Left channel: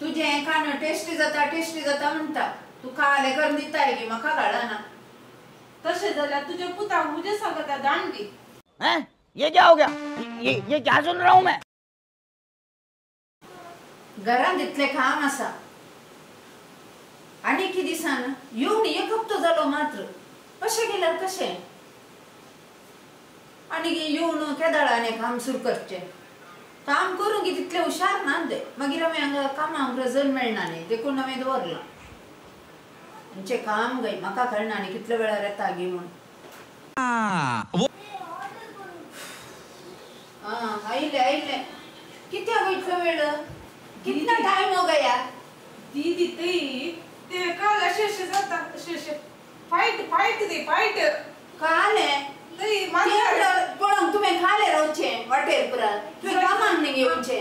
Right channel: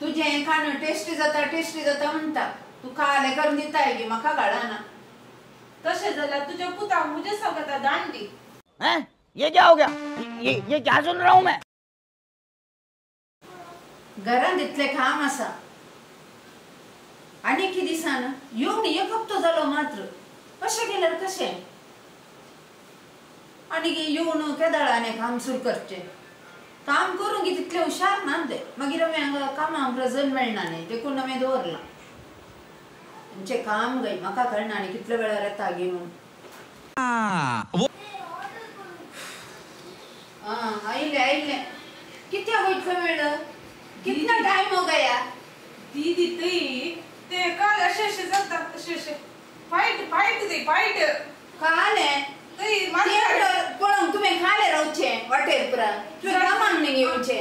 तुझे खाणं टेस्टी जाता म्हणता तू खाले करून दिताय की मका गाळा ना तसे झाला तुझे पुता मुझे सांगता दांडी हैं? ये क्या हो गया? ये क्या सुन रहा हूँ मैं? घरान दितले काम असा आणि किती दिसान येऊन एक हप्तो झालो मात्र कशे गेल्यार कशे आणि येऊन केदाळाने काम सुरू करचे काम करून की तितले हुशार नांदे मागीर हांवें कामाक रजन मेळना न्ही देखून हांवें दवरलां आमचें काम गय म्हाका कळना न्ही कितले वेळार येता गे म्हूण आइले कित्या वयतलो वेळ कितना टाइम हो गया दीदी ते काल अशे जाता अशे फाईट काले पण तुम्ही खाले रावचे वाटेर पुरा तुम्ही कामाक नाही येऊचे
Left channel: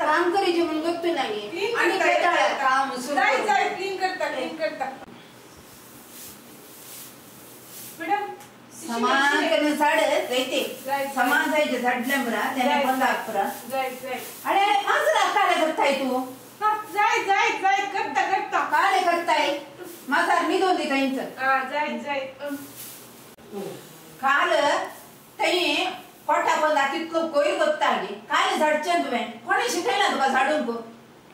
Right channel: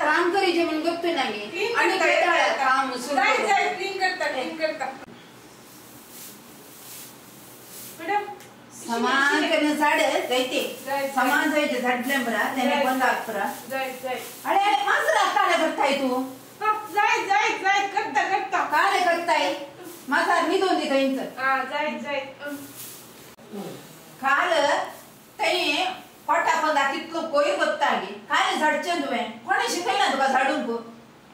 काम करीचे म्हणून गप्पी नाही आणि काम क्लीन करता मॅडम समान करने झाड जायते समान जायचे झाडले बरा त्याने बंद आग बरा अरे माझं काले करताय तू जाय करता काले करताय माझा निघून दे त्यांचं जाय काल ताई पोटा बंदा कितलो कोयर बत्ताली काल झाडचे तुवें कोणी शिकयला तुका झाडूंक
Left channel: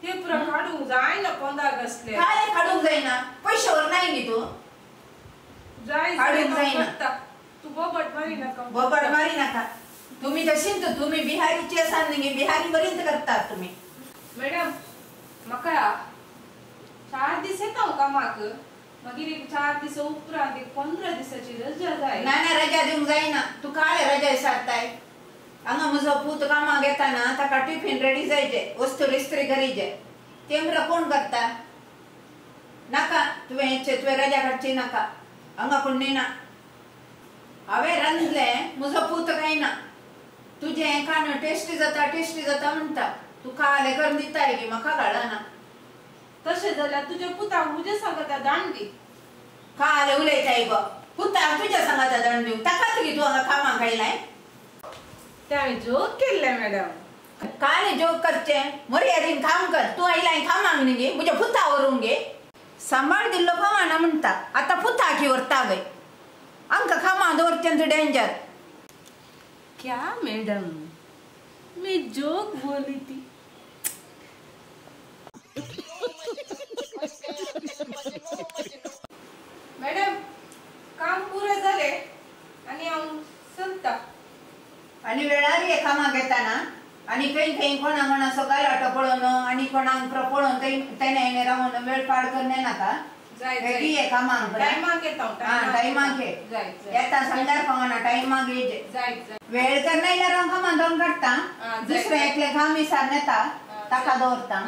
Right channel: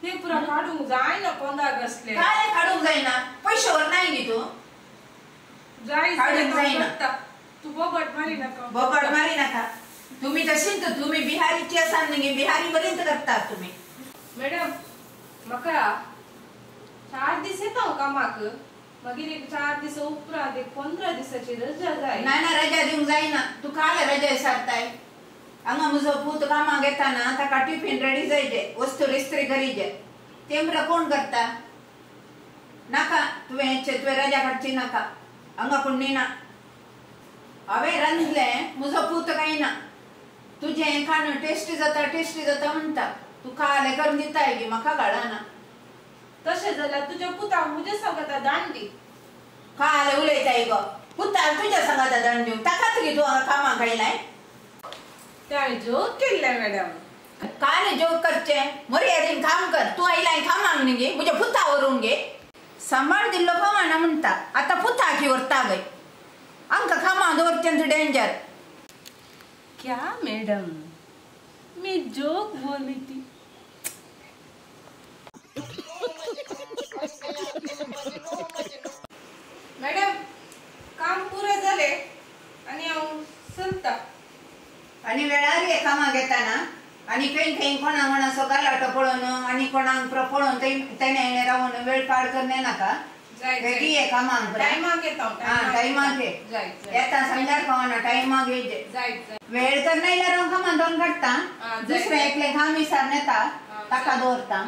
ते पुरा काढूंक जाय ना 15 अगस्टले काय काढूंक जायना पैशावर नाही नी तू जाय काढूंक जायना तू बबट मारी नाका तुम्ही तशीच तुम्ही बिहारीची असाल नाही बिहारी पर्यंत करतात तुम्ही मॅडम म्हाका 4 दीस येता कामाक मागीर एक 4 दीस उपरांत एक 15 दिसाची रजा जाय नाही रजा दिवंक जायना तू काय रजा विचारताय हांगा म्हजो पूत कामाक येताना ताका टिफिन रेडी जायचे वस्तू इस्त्री करीचे तेमरा कोण करता नाका तुवें रजा काडची नाका हांगा कोण नेना हांवें रांदले म्हजो पूत काय ना तुझें खाणं टेस्टी जाता म्हणटा तू खाले करून दिताय की म्हाका घालना तशें जाल्यार तुज्या पुताक मुझे सांगता दांडी खाले उलयताय गो पुताक तुज्या सांगता दांडी ताका तरी तू हांगा कामाक आयलाय ताणें जोक केल्ले मॅडम काले जोक करचे मर्यादेन काम कर तू आयलाय कामाक न्ही गे म्हज्या पुता व्हरून गे सांबाळ दिल्लो कमाना म्हणटा आतां पुता की व्हरता गय आमकां कामाक दवरचे डेंजर क्या मैडम मैं जोक बोली थी मॅडम काम पुरे झाले आणि हांव चलता आणि वेळार हे कामाक येताना आणि खंय कोणाक गालाटो पळोवन आणि कोणाक पळोवन तेणे रावन वेळ पाड करणे नाका ये कामाक टायमाक येता टायमाक येता समजार पावना टायमाक येजे वेळ करना इल्यार हांव कामाक दोन काडटा दुसरे एकले काम विचार येता ताका दवरता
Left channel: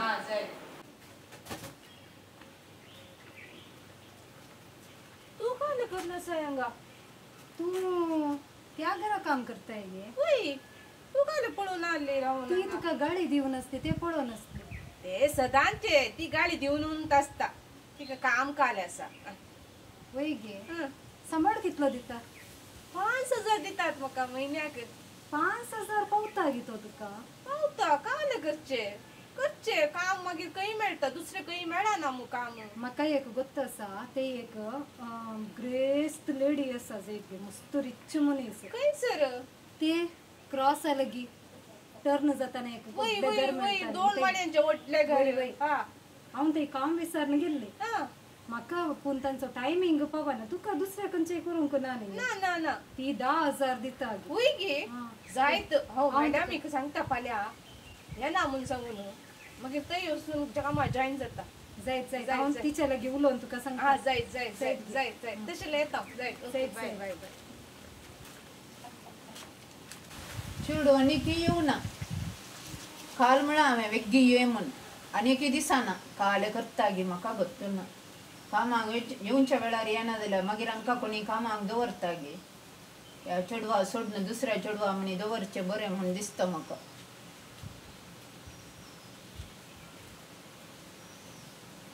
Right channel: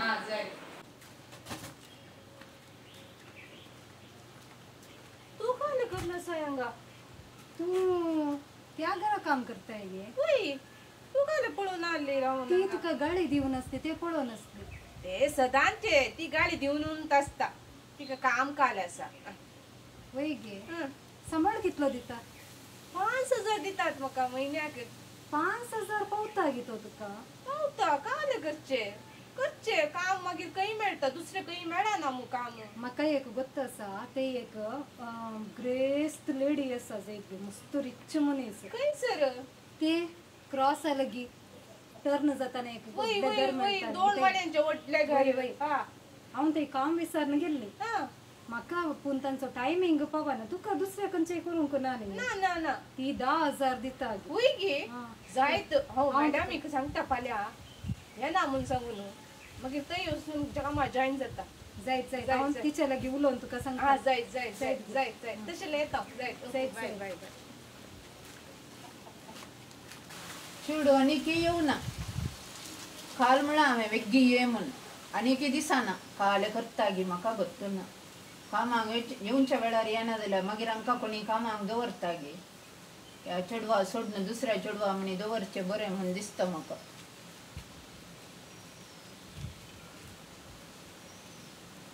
तू काय करना सयांगा तू त्या घरा काम करताय गे होय तू काय पळून आले राहून ती तुका गाडी दिवन असते ते पळोवन असते ते सदांचे ती गाडी दिवन असता तिका काम काल आसा वय गे सांबाळ कितलो दिता 5000 दितात म्हाका महिन्याक 5000 पावता गे तो तुका पावता काल करचे काम मागीर खंय मेळटा दुसरे खंय मेळना मू काम म्हाका एक गोत्त आसा ते एक ग्रेस्त लेडी आसा एक मस्त रिच मनीस खंय सर ते क्रॉस आलगी टर्न जाताना एक दोन वाड्यांचे ओटले घर हांव ते काम विचारन गेल्ले म्हाका पूण तांचो टायमिंग पावना तुका दुसऱ्या खंयचेय करूंक ना न्ही ना ती 10000 दिता होय गे जायत हो मॅडम एक सांगता फाल्यां येना म्हूण सांगून मागीर थंय वचून कामाक जॉइन जाता जायत हांव तिच्या लागीं उलोवन तुका सांगता जायत तशें येता जायत बाय चेडू आनी की येवना काल म्हळ्यार हांवें वेग्गी ये म्हूण आनी की दिसाना काले करता गे म्हाका गत्तना कामाक येवच्या वेळार येना जाल्यार मागीर आमकां कोणी कामाक दवरता गे ह्या चेडवा सोडून दुसऱ्या चेडवा म्हणी दवरचे बरें म्हूण दिसता म्हाका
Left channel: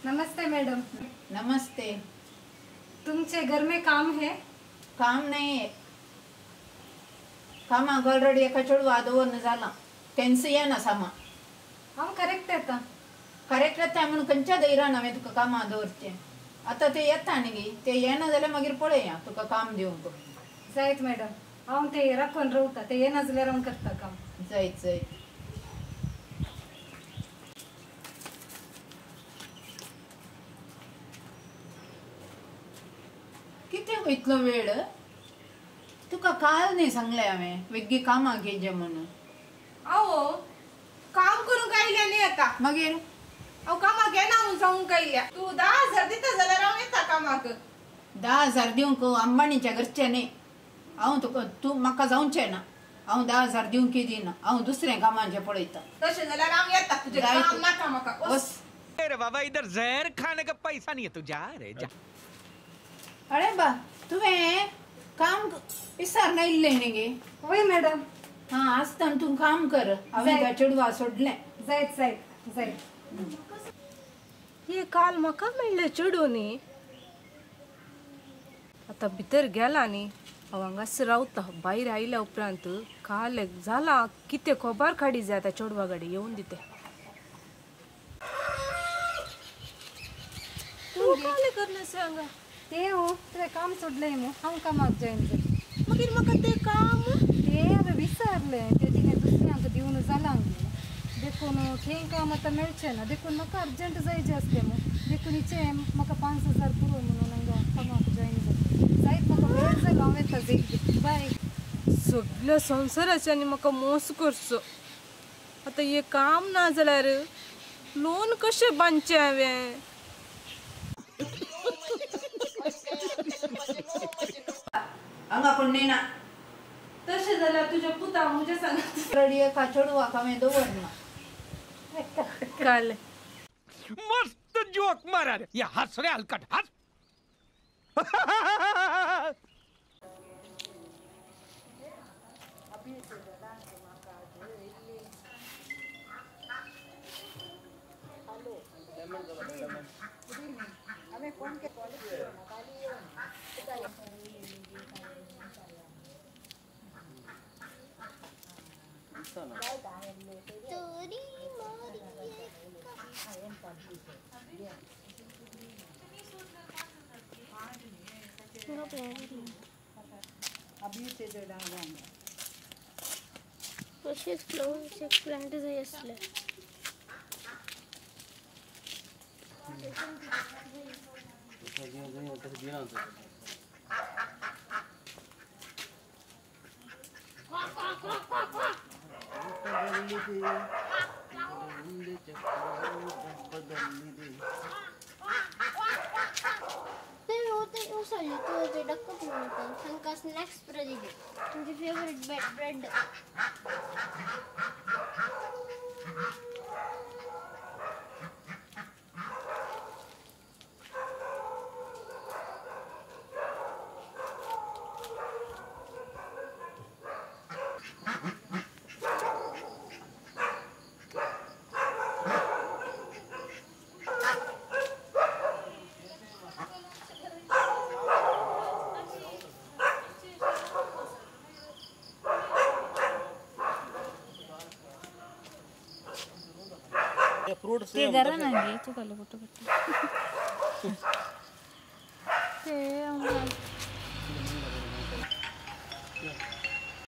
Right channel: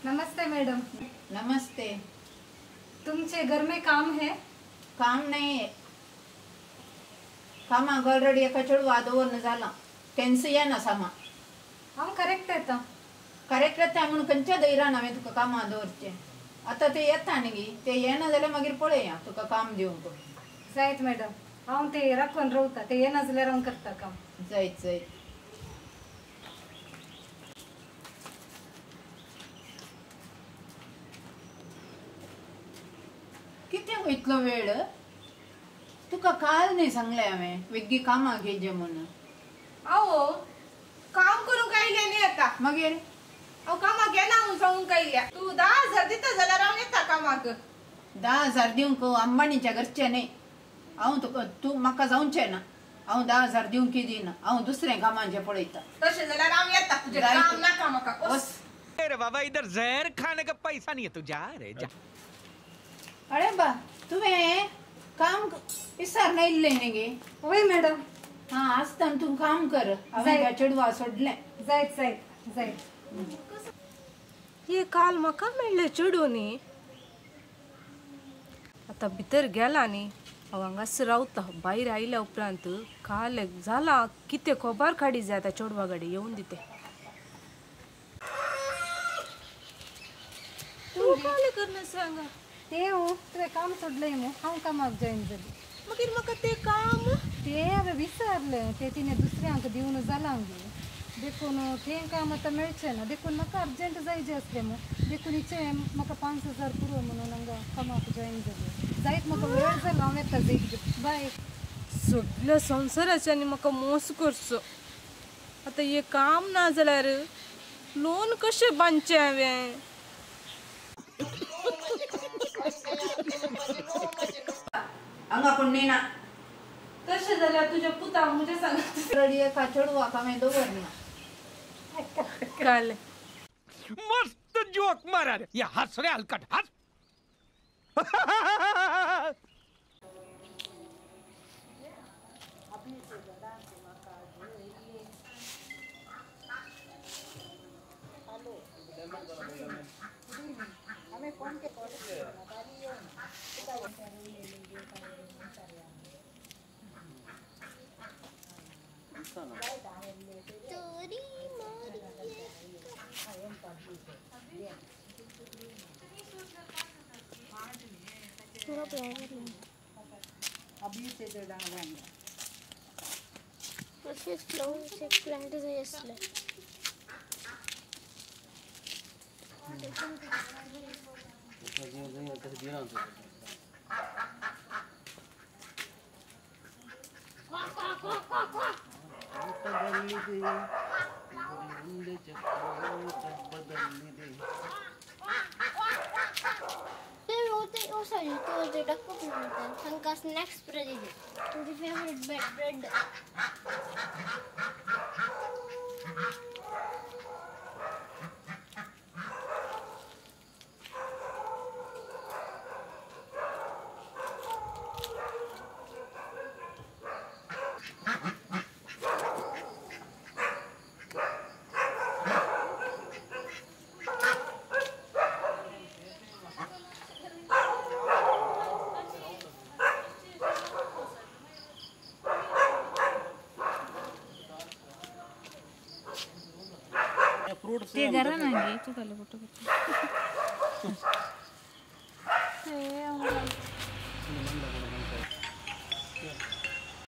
नमस्ते मैडम नमस्ते तुमचे घर में काम है काम नाही आहे कामाक ऑलरेडी एका चेडवा दवरन जाला तेंच येना सामा हांव करेक्ट येता कार्यकर्ता म्हणून खंयच्या दैरान हांवें तुका कामां दवरचें आतां ते येता न्ही ते येना जाल्यार मागीर पळया तुका काम दिवंक जायत मॅडम हांव ते राखून रावता ते येना जाल्यार हांव करता काम जायत जायत कितें वयतलो वेळ तुका काल न्ही सांगलें हांवें वेग्गी कामां घेजे म्हणून अहो काम करून कायल्या न्ही आता मागीर अहो कामाक येना म्हणून सांगून कायल्या तू 10,000 दिता जाल्यार हांव येता कामाक 10,000 दिवंक अंबानीच्या घरचे न्ही हांव तुका तूं म्हाका जावचें ना हांव 10,000 दिवंक दिना हांव दुसरें कामांचें पळयता तशें जाल्यार हांव येता तुजें जायत. काम नाका म्हाका बस अरे बाबा इधर जहर खाने का पैसा नहीं है तू जा रे जा अरे बा तुवें काम विसरना इल्लें न्ही गे होय मॅडम हां आसतना तूं काम कर हांवें त्या चेडवा सोडलें जायत जायत जायत हे काल म्हाका मेळ्ळें चेडूनी आता भितर गेला न्ही हांव हांगास रावता भायर आयल्या उपरांत काल जाला कितें खबर काडी जाय त्या चेडवा कडेन येवन दिते तूं काले करना सांगा ते हो तुवें काम सोडलें मग हांव कामाक जॉईन जालें मागीर म्हाका ते काम ते हांवें विचारलें ते तिणें दुसऱ्यांक दिवन जालां गे देखून थंय काम आतां मेळचें ना देखून म्हाका अर्जंट जायचें आसलें मग देखून इचे म्हाका 5,000 पुरो म्हणून हांगा कामाक जॉईन जालें जायत म्हाका वेळ जालो हांव येता जायत बाय सगळ्या संवसाराच्यानी म्हाका मोस करचो आता हे काम ना जाल्यार लोन कशें बांदचें हांवें हांगा कोण नेना तशें जाल्यार तुज्या पुता म्हज्या सांगात रडी एका चेडवाक हांवें दवरना कळ्ळें मस्त जोक मारा रे या हंस रे हलकट हंस प्लांट जाय आसले ते डक्क तांकां स्नॅक्स तुझी फेवरेट ब्रेड ते जरा नाही तू कुठे